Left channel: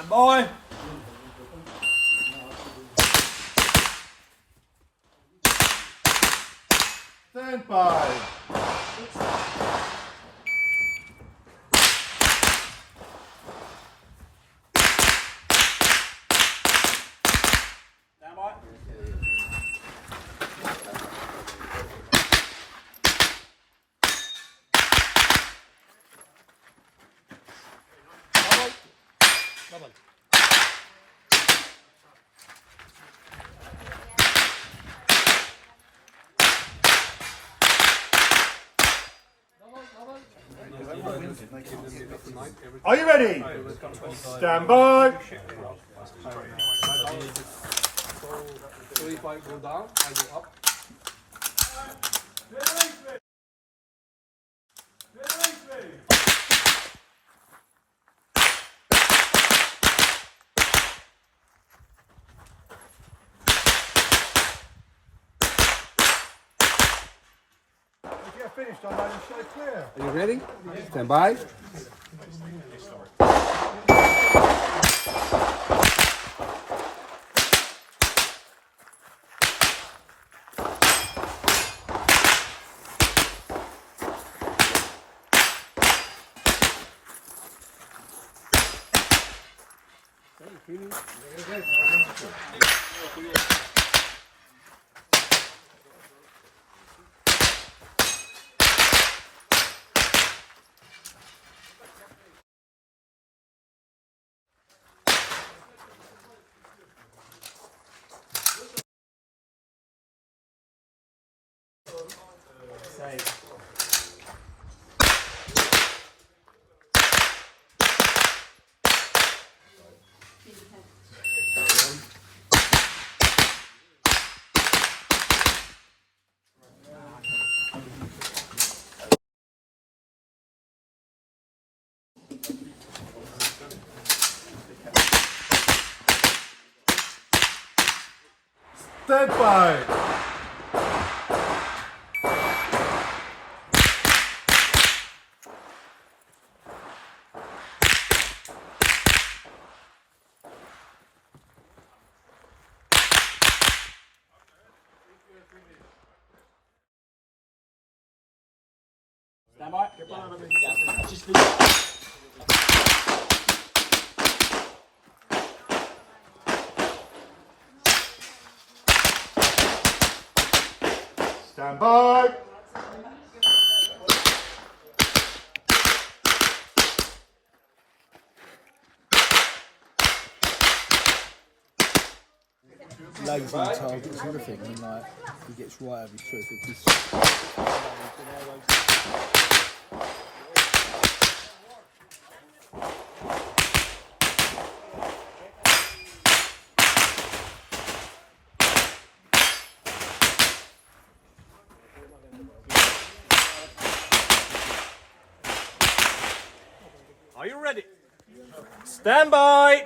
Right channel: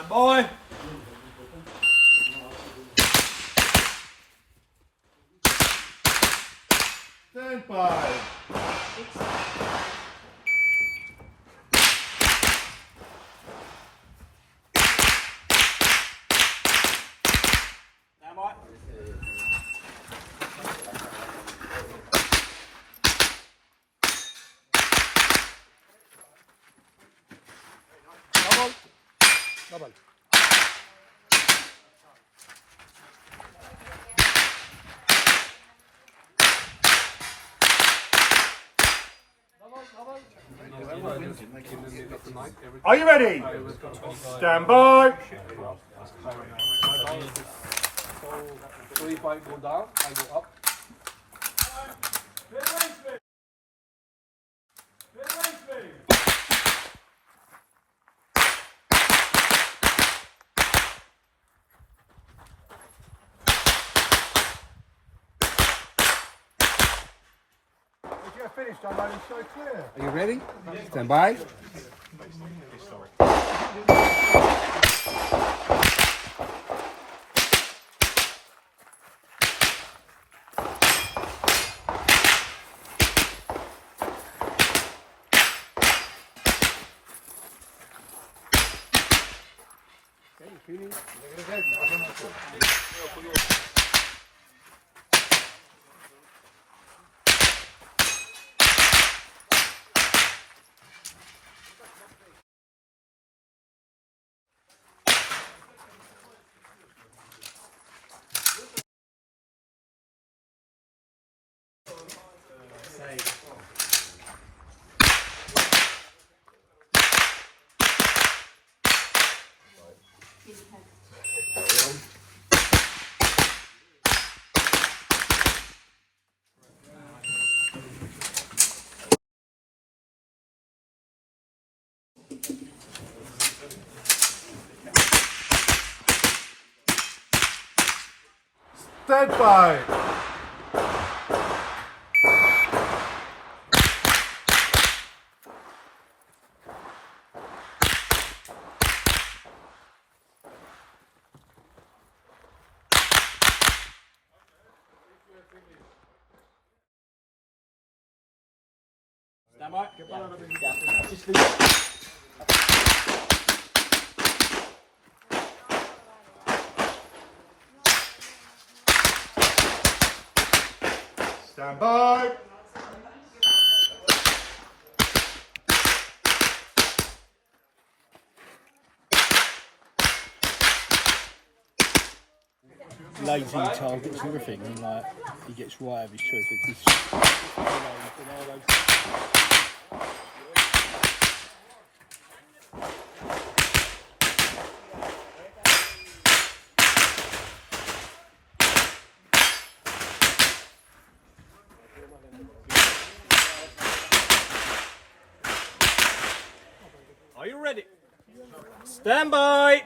Stand by. Stand by. Stand by. Come on. Are you ready? Stand by. So if I go down, I go up. If you're finished, I'm only so clear. Are you ready? Stand by. Stand by. Stand by. Stand by. Lazy targets everything, and like he gets right of his choice. Are you ready? Stand by.